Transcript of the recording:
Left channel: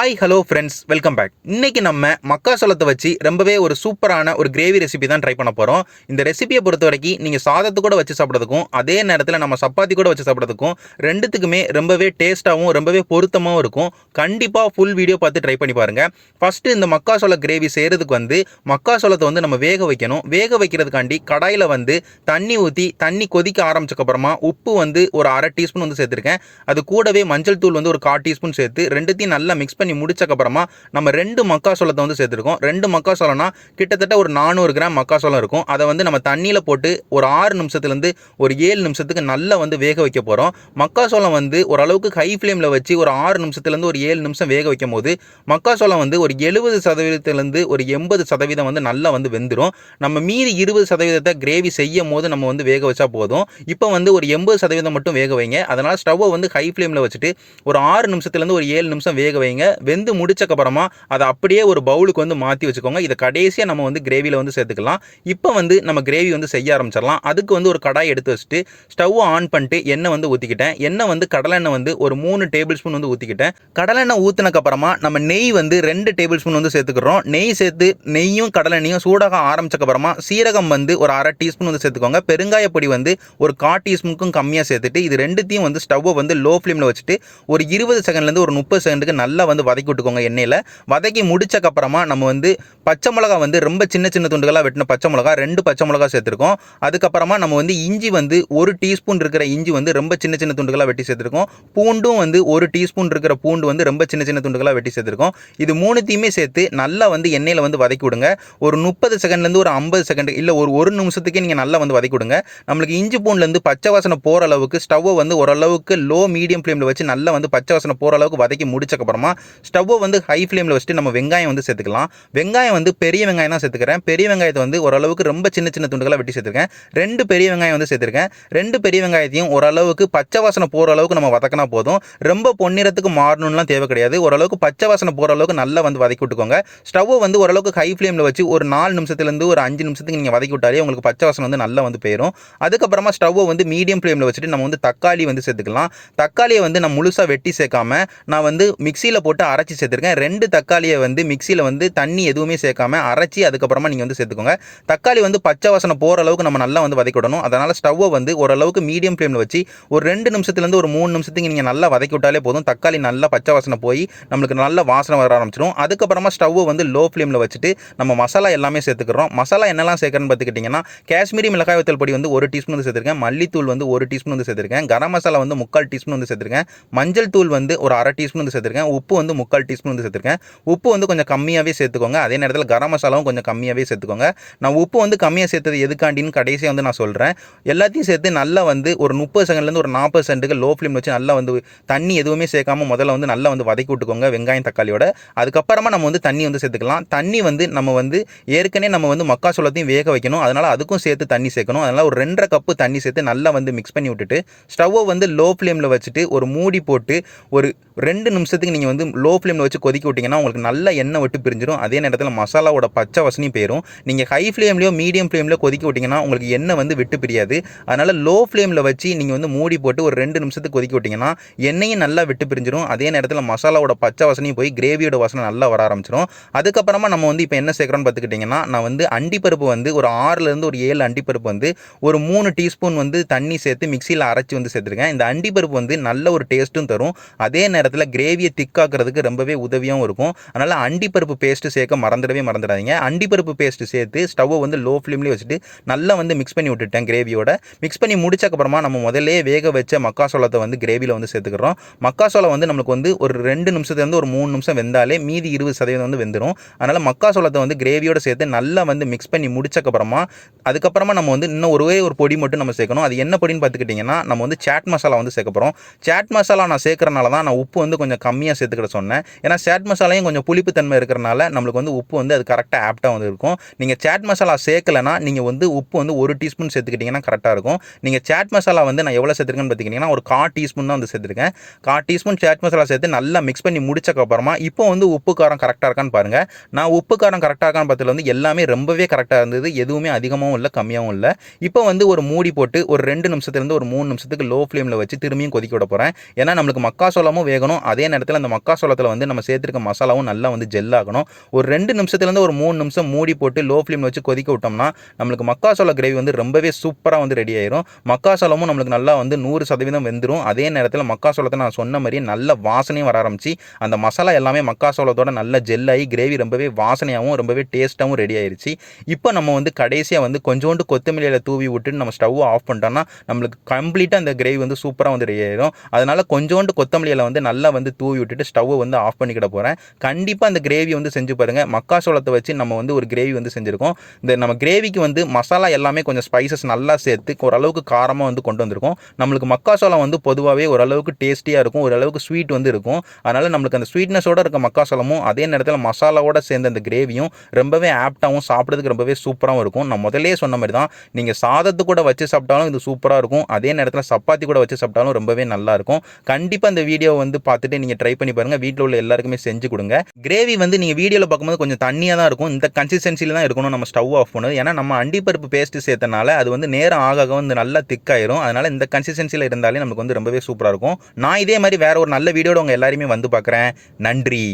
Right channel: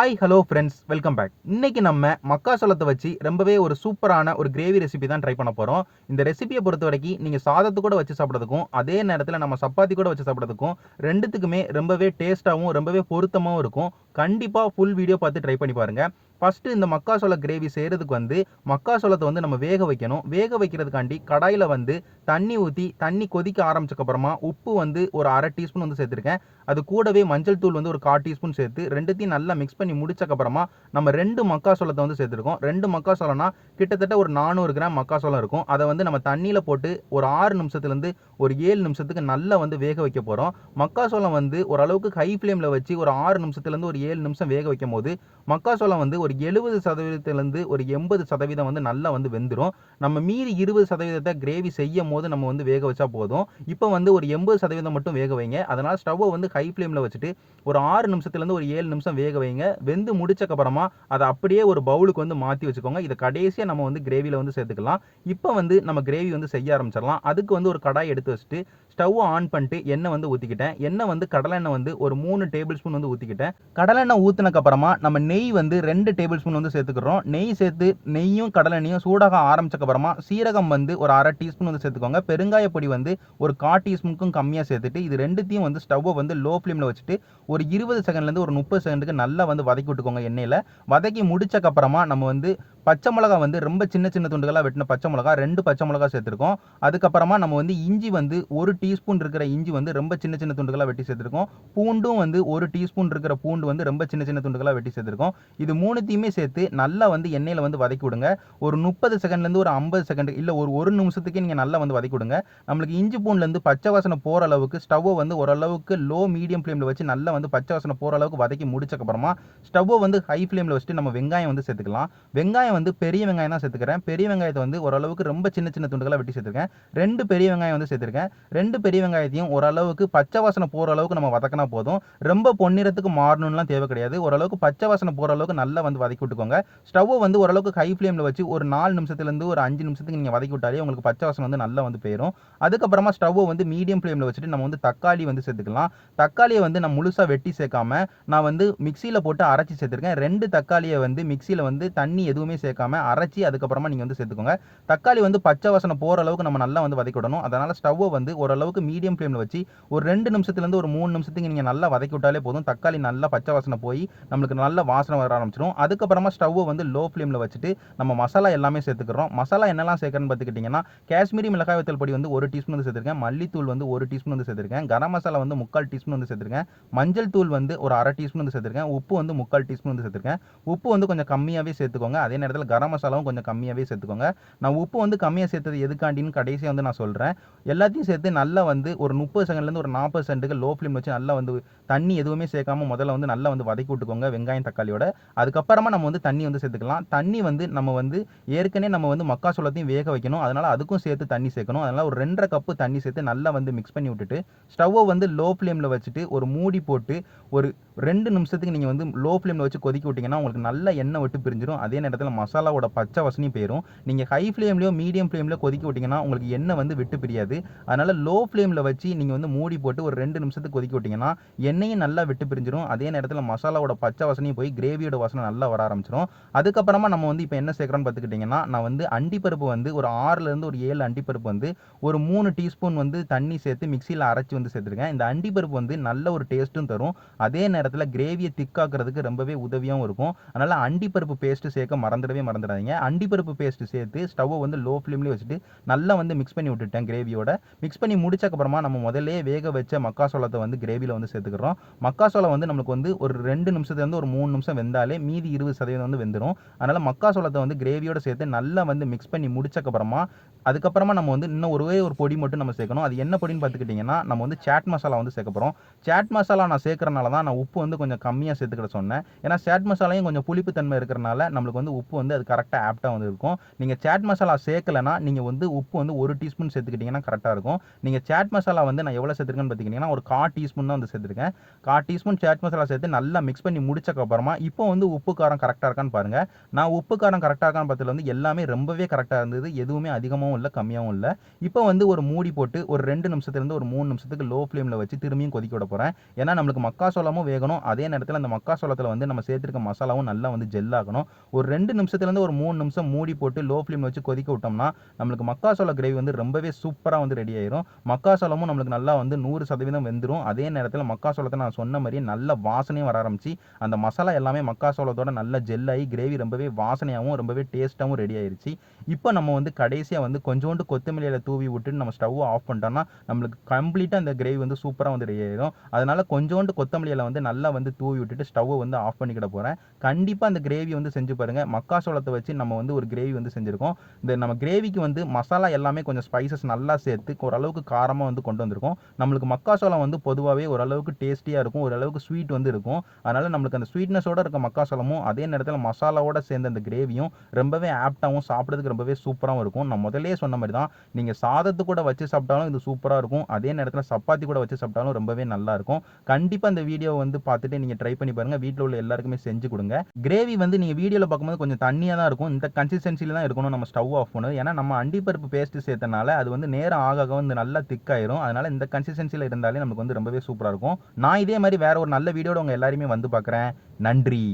Hi hello friends, welcome back. இன்னைக்கு நம்ம மக்காசோளத்தை வச்சு ரொம்பவே ஒரு சூப்பரான ஒரு கிரேவி ரெசிபி தான் ட்ரை பண்ண போகிறோம். இந்த ரெசிபியை பொறுத்த வரைக்கும் நீங்கள் சாதத்து கூட வச்சு சாப்பிட்றதுக்கும் அதே நேரத்தில் நம்ம சப்பாத்தி கூட வச்சு சாப்பிட்றதுக்கும் ரெண்டுத்துக்குமே ரொம்பவே டேஸ்ட்டாகவும் ரொம்பவே பொருத்தமாகவும் இருக்கும். கண்டிப்பாக ஃபுல் வீடியோ பார்த்து ட்ரை பண்ணி பாருங்கள். ஃபஸ்ட்டு இந்த மக்காசோள கிரேவி செய்கிறதுக்கு மக்காசோளத்தை நம்ம வேக வைக்கணும். வேக வைக்கிறதுக்காண்டி கடாயில் தண்ணி ஊற்றி தண்ணி கொதிக்க ஆரம்பிச்சக்கப்புறமா உப்பு ஒரு அரை டீஸ்பூன் சேர்த்துருக்கேன். அது கூடவே மஞ்சள் தூள் ஒரு 1/4 டீஸ்பூன் சேர்த்து ரெண்டுத்தையும் நல்லா மிக்ஸ் பண்ணி முடிச்சக்கப்புறமா நம்ம 2 மக்காசோளத்தை சேர்த்துருக்கோம். 2 மக்காசோளம்னா கிட்டத்தட்ட ஒரு 400 கிராம் மக்காசோளம் இருக்கும். அதை நம்ம தண்ணியில் போட்டு ஒரு 6 நிமிஷத்துலேருந்து ஒரு 7 நிமிஷத்துக்கு நல்லா வேக வைக்க போகிறோம். மக்காசோளம் ஓரளவுக்கு ஹை ஃப்ளேமில் வச்சு ஒரு 6 நிமிஷத்துலேருந்து ஒரு 7 நிமிஷம் வேக வைக்கும் போது மக்காசோளம் ஒரு 70% ஒரு 80% நல்லா வெந்துடும். நம்ம மீதி 20% கிரேவி செய்யும் போது நம்ம வேக வச்சா போதும். இப்போ ஒரு 80% மட்டும் வேக வைங்க. அதனால் ஸ்டவ்வை ஹை ஃப்ளேமில் வச்சுட்டு ஒரு 6 நிமிஷத்துலேருந்து ஒரு 7 நிமிஷம் வேக வைங்க. வெந்து முடிச்சக்கப்புறமா அதை அப்படியே ஒரு பவுலுக்கு மாற்றி வச்சுக்கோங்க. இதை கடைசியாக நம்ம கிரேவியில் சேர்த்துக்கலாம். இப்போ நம்ம கிரேவி செய்ய ஆரம்பிச்சிடலாம். அதுக்கு ஒரு கடாய் எடுத்து வச்சுட்டு ஸ்டவ் ஆன் பண்ணிட்டு எண்ணெய் ஊற்றிக்கிட்டேன். எண்ணெய் கடலெண்ணெய் ஒரு 3 டேபிள் ஸ்பூன் ஊற்றிக்கிட்டேன். கடலெண்ணெய் ஊற்றினக்கப்புறமா நம்ம நெய் 2 டேபிள் ஸ்பூன் சேர்த்துக்கிறோம். நெய் சேர்த்து நெய்யும் கடலெண்ணையும் சூடாக ஆரம்பிச்சக்கப்புறமா சீரகம் ஒரு அரை டீஸ்பூன் சேர்த்துக்கோங்க. பெருங்காய பொடி ஒரு 1/4 டீஸ்பூனுக்கும் கம்மியாக சேர்த்துட்டு இது ரெண்டுத்தையும் ஸ்டவ்வை லோ ஃப்ளேமில் வச்சுட்டு ஒரு 20 செகண்ட்லேருந்து ஒரு 30 செகண்டுக்கு நல்லா வதக்கி விட்டுக்கோங்க. எண்ணெயில் வதக்கி முடிச்சக்கப்புறமா நம்ம பச்சை மிளகா ரொம்ப சின்ன சின்ன துண்டுகளாக வெட்டின பச்சை மிளகா 2 பச்சை மிளகா சேர்த்துருக்கோம். அதுக்கப்புறமா நம்ம இஞ்சி 1 டீஸ்பூன் இருக்கிற இஞ்சி ரொம்ப சின்ன சின்ன துண்டுகளாக வெட்டி சேர்த்துருக்கோம். பூண்டும் 1 டீஸ்பூன் இருக்கிற பூண்டு ரொம்ப சின்ன சின்ன துண்டுகளாக வெட்டி சேர்த்துருக்கோம். இது மூணுத்தையுமே சேர்த்து நல்லா எண்ணெயில் வதக்கி விடுங்க. ஒரு 30 செகண்ட்லேருந்து ஒரு 50 செகண்ட் இல்லை ஒரு நிமிஷத்துக்கே நீங்கள் நல்லா வதக்கி விடுங்க. நம்மளுக்கு இஞ்சி பூண்டுலேருந்து பச்சை வாசனை போகிற அளவுக்கு ஸ்டவ்வை ஓரளவுக்கு லோ மீடியம் ஃப்ளேமில் வச்சு நல்லா பச்சை வாசனை போகிற அளவுக்கு வதக்கி முடிச்சக்கப்புறமா ஸ்டவ்வை ஹை ஃப்ளேமில் வச்சுட்டு நம்ம வெங்காயம் சேர்த்துக்கலாம். வெங்காயம் பெரிய வெங்காயம் தான் சேர்த்துக்கிறேன். பெரிய வெங்காயத்தை ஓரளவுக்கு ரொம்ப சின்ன சின்ன துண்டுகளாக வெட்டி சேர்த்துருக்கேன். 2 பெரிய வெங்காயம் சேர்த்துருக்கேன். 2 பெரிய வெங்காயத்தையும் ஓரளவுக்கு பச்சை வாசனை போகிற அளவுக்கு நம்ம வதக்கினா போதும். ரொம்ப பொன்னிறத்துக்கு மாறணும்லாம் தேவை கிடையாது. ஓரளவுக்கு பச்சை வாசனை போகிற அளவுக்கு நல்லா வதக்கி விட்டுக்கோங்க. ஸ்டவ்வை ஓரளவுக்கு ஹை ஃப்ளேமில் வச்சு ஒரு 4 நிமிஷத்துலேருந்து ஒரு 5 நிமிஷத்துக்கு நீங்கள் வதக்கி விட்டாலே உங்களுக்கு பச்சை வாசனை நல்லா போயிடும். அதுக்கப்புறமா ஸ்டவ்வை மீடியம் ஃப்ளேமில் வச்சுட்டு நம்ம தக்காளி சேர்த்துக்கலாம். தக்காளியை நான் முழுசாக வெட்டி சேர்க்காம நான் மிக்சியில் போட்டு அரைச்சி சேர்த்துருக்கேன். 2 தக்காளியை மிக்சியில் தண்ணி எதுவுமே சேர்க்காம அரைச்சி அதுக்கப்புறமா நீங்கள் சேர்த்துக்கோங்க. தக்காளி பச்சை வாசனை போகிற அளவுக்கு நம்ம நல்லா வதக்கி விடணும். அதனால் ஸ்டவ்வை ஓரளவுக்கு மீடியம் ஃப்ளேமில் வச்சு ஒரு 2 நிமிஷத்துலேருந்து ஒரு 3 நிமிஷத்துக்கு நீங்கள் நல்லா வதக்கி விட்டாலே போதும். தக்காளி நல்லா பச்சை வாசனை போய் நம்மளுக்கு நல்ல வாசனை வர ஆரம்பிச்சிடும். அதுக்கப்புறமா ஸ்டவ்வை லோ ஃப்ளேமில் வச்சுட்டு நம்ம மசாலா எல்லாமே சேர்த்துக்கிறோம். மசாலா என்னெல்லாம் சேர்க்கறன்னு பார்த்துக்கிட்டிங்கன்னா காஷ்மீரி மிளகாய் வத்தல் பொடி 1 டீஸ்பூன் சேர்த்துருக்கேன். மல்லித்தூள் 1 டீஸ்பூன் சேர்த்துருக்கேன். கரம் மசாலா 3/4 டீஸ்பூன் சேர்த்துருக்கேன். மஞ்சள் தூள் ஒரு அரை டீஸ்பூன் சேர்த்துருக்கேன். உப்பு 3/4 டீஸ்பூன் சேர்த்துருக்கேன். உப்பு கொஞ்சம் கம்மியாகவே சேர்த்துக்கோங்க. அதே நேரத்தில் கரம் மசாலாவும் கொஞ்சம் கம்மியாகவே சேர்த்துக்கோங்க. நான் உப்பு கம்மியாக சேர்த்தது எதுக்காண்டின்னு கடைசியாக நான் சொல்கிறேன். எல்லாத்தையும் சேர்த்து நல்லா ஒரு 30 செகண்ட்லேருந்து ஒரு 40 செகண்டுக்கு லோ ஃப்ளேம் வச்சு நல்லா தண்ணி எதுவுமே சேர்க்காம முதல்ல நல்லா வதக்கி விட்டுக்கோங்க வெங்காயம் தக்காளியோட. அதுக்கப்புறமா நம்ம தண்ணி சேர்த்துக்கலாம். தண்ணி நம்ம ஏற்கனவே நம்ம மக்காசோளத்தையும் வேக வைக்கணும். அதனால் அதுக்கும் சேர்த்து தண்ணி சேர்க்கணும். அதனால் ஒரு 2.5 கப்பு தண்ணி சேர்த்து நல்லா மிக்ஸ் பண்ணி விட்டுட்டு ஸ்டவ்வை லோ ஃப்ளேமில் வச்சுட்டு ஒரு மூடி போட்டு ஒரு 2 நிமிஷத்துக்கு நீங்கள் லோ ஃப்ளேமில் வச்சு கொதிக்க விட்டிங்கன்னா உங்களுக்கு நல்ல எண்ணெய் விட்டு பிரிஞ்சிடும். அதே நேரத்தில் மசாலாவோட பச்சை வாசனையும் போயிடும். நீங்கள் ஹை ஃப்ளேம்லையோ மீடியம் ஃப்ளேம்லையோ கொதிக்க விட்டிங்கன்னா உங்களுக்கு எண்ணெய் விட்டு பிரியாது. அதனால் லோ ஃப்ளேமில் வச்சு நீங்கள் மூடி போட்டு ஒரு 2 நிமிஷத்துக்கு கொதிக்க விட்டிங்கன்னா எண்ணெயும் நல்லா விட்டு பிரிஞ்சிடும். அதே நேரத்தில் மசாலாவோட பச்சை வாசனையும் போய் கிரேவியோட வாசனை நல்லா வர ஆரம்பிச்சிடும். அதுக்கப்புறமா நம்ம இப்போ என்ன சேர்க்குறோன்னு பார்த்துக்கிட்டிங்கன்னா நான் அண்டிப்பருப்பு ஒரு 6லேருந்து ஒரு 7 அண்டிப்பருப்பு ஒரு 3 டீஸ்பூன் தண்ணி சேர்த்து மிக்சியில் அரைச்சி சேர்த்துருக்கேன். இந்த அண்டிப்பருப்பு நல்ல ஒரு டேஸ்ட்டும் தரும். அதே நேரத்தில் கிரேவியை திக்காக்குறதுக்கு ரொம்பவே உதவியாகவும் இருக்கும். அதனால் அண்டிப்பருப்பு பேஸ்ட்டு சேர்க்க மறந்துடாதீங்க. அண்டிப்பருப்பு பேஸ்ட்டு சேர்த்து ஸ்டவ்வை லோ ஃப்ளேம்லேயே வச்சுட்டு நல்லா மிக்ஸ் பண்ணி விட்டுட்டேன். கிரேவியோட மிக்ஸ் பண்ணி முடிச்சக்கப்புறமா நம்ம முதல்ல வேக வச்ச மக்காசோளத்தை கிரேவியில் சேர்த்துக்கிறோம். மக்காசோளம் நம்மளுக்கு ஒரு 2 நிமிஷத்துலேருந்து ஒரு 3 நிமிஷம் வெந்தாலே மீதி 20% வெந்துடும். அதனால் மக்காசோளத்தை கிரேவியோட சேர்த்து நல்லா மிக்ஸ் பண்ணி முடிச்சக்கப்புறமா அதுக்கப்புறமா நம்ம இன்னும் ஒரே ஒரு பொடி மட்டும் நம்ம சேர்க்கணும். அது என்ன பொடின்னு பார்த்துக்கிட்டிங்கன்னா நம்ம சாட் மசாலா சேர்க்க போகிறோம். சாட் மசாலா நான் சேர்க்கறனால தான் நான் உப்பு கொஞ்சம் கம்மியாக சேர்த்துக்கிட சொன்னேன். ஏன்னா சாட் மசாலையும் கொஞ்சம் புளிப்பு தன்மை இருக்கிறனால நம்மளுக்கு உப்பு அது கரெக்டாக ஆப்டாக இருக்கும். நீங்கள் சாட் மசாலா சேர்க்கலைன்னா நீங்கள் உப்பு 1 டீஸ்பூன் சேர்த்துக்கிட்டிங்கன்னா கரெக்டாக இருக்கும். நீங்கள் சாட் மசாலா நான் எவ்வளோ சேர்த்துருக்கேன்னு பார்த்துக்கிட்டிங்கன்னா ஒரு 1/4 டீஸ்பூன் தான் சேர்த்துருக்கேன். 1/4 டீஸ்பூன் சாட் மசாலா சேர்த்து நல்லா மிக்ஸ் பண்ணி முடிச்சக்கப்புறமா இப்போ உப்பு காரம் கரெக்டாக இருக்கான்னு பாருங்கள். நான் உப்பு காரம் கரெக்டாக இருக்கான்னு பார்த்ததுல எல்லாமே ரொம்பவே கரெக்டாக இருந்தது. எதுவுமே அதிகமாகவும் இல்லை கம்மியாகவும் இல்லை. இப்போ ஒரு மூடி போட்டு ஒரு 2 நிமிஷத்துலேருந்து ஒரு 3 நிமிஷத்துக்கு லோ ஃப்ளேமில் வச்சு திரும்பியும் கொதிக்க விட போகிறேன். ஏன்னா நம்மளுக்கு மக்காசோளமும் வேகணும். அதே நேரத்தில் அந்த மக்காசோளம் மக்காசோளத்தில் வந்து நம்ம சேர்த்துருக்க மசாலாவும் நல்லா வந்து ஜெல் ஆகணும். ஒரு 2 நிமிஷத்துலேருந்து ஒரு 3 நிமிஷம் மூடி போட்டு லோ ஃப்ளேம் வச்சு கொதிக்க விட்டோம்னா நம்மளுக்கு மக்காசோள கிரேவி வந்து ரொம்பவே சூப்பராக வந்து ரெடி ஆயிரும். மக்காசோளமும் நம்மளுக்கு நல்லா வந்து 100% வெந்துடும். அதே நேரத்தில் மக்காசோளத்தை நான் சொன்ன மாதிரியே நல்ல வாசனையும் வர ஆரம்பிச்சு அந்த மசாலா எல்லாமே மக்காசோளத்தோட நல்ல ஜெல் ஆகி கிரேவி ரொம்பவே வாசனையாகவும் ரொம்பவே டேஸ்ட்டாகவும் ரெடி ஆயிருச்சு. இப்போ நம்ம வந்து கடைசியாக வந்து கொஞ்சோண்டு கொத்தமல்லியில் தூவி விட்டுட்டு நம்ம ஸ்டவ் ஆஃப் பண்ணிட்டோம்னா நம்மளுக்கு கம்ப்ளீட்டாக அந்த கிரேவி வந்து சூப்பராக வந்து ரெடி ஆயிரும். அதனால கொஞ்சோண்டு கொத்தமல்லியில் வந்து நல்லா வந்து தூவி விட்டுட்டு ஸ்டவ்வை வந்து ஆஃப் பண்ணிக்கிட போகிறேன். கண்டிப்பாக அந்த கிரேவி வந்து செஞ்சு பாருங்கள். மக்காசோளத்தை வச்சு நம்ம வந்து ஒரு கிரேவி வந்து செஞ்சுருக்கோம். இந்த நம்ம கிரேவிக்கு வந்து மசாலா எல்லாமே கொஞ்சம் ஸ்பைசஸ் நல்லா சேர்த்து ஓரளவுக்கு காரமாக வந்து கொண்டு வந்திருக்கோம். நம்மளுக்கு மக்காசோளம் வந்து பொதுவாகவே ஓரளவுக்கு டேஸ்டியாக இருக்கும், ஓரளவுக்கு ஸ்வீட் வந்து இருக்கும். அதனால் நம்மளுக்கு அந்த ஸ்வீட்னஸோடு இருக்க மக்காசோளமும் அதே நேரத்தில் மசாலாவோட சேர்ந்த அந்த கிரேவியும் ரொம்பவே ஆப்டாகவும் சாப்பிட்றதுக்கு ரொம்பவே சூப்பராகவும் இருக்கும். நான் முதலே சொன்ன மாதிரி தான், நீங்கள் சாதத்து கூட வச்சு சாப்பிட்டாலும் இது சூப்பராக இருக்கும். அதே நேரத்தில் சப்பாத்தி கூட வச்சு சாப்பிட்டாலும் ரொம்பவே நல்லா இருக்கும். கண்டிப்பாக இந்த வீடியோ வந்து பார்த்துட்டு நீங்கள் ட்ரை பண்ணி பாருங்கள். வீட்டில் உள்ள எல்லாருக்குமே செஞ்சு கொடுங்க. கிரேவி வந்து நீங்கள் வீடியோவில் பார்க்கும்போது கொஞ்சம் தண்ணியாக தான் இருக்கும். இந்த கன்சிஸ்டன்சியில் தான் இருக்கணும் நம்ம ஸ்டவ் ஆஃப் பண்ணுது. ஏன்னா நம்ம அண்டிப்பருப்பு பேஸ்ட்டு சேர்த்தனால அது வந்து நேரம் ஆக வந்து நல்லா திக்காயிரும். அதனால் இந்த கன்சிஸ்டன்சியில் இருந்தாலே நமக்கு வந்து ரொம்பவே சூப்பராக இருக்கும். நான் இதே மாதிரி வேற ஒரு நல்ல வீடியோட உங்கள் எல்லாருமே வந்து பார்க்குறேன். நன்றி.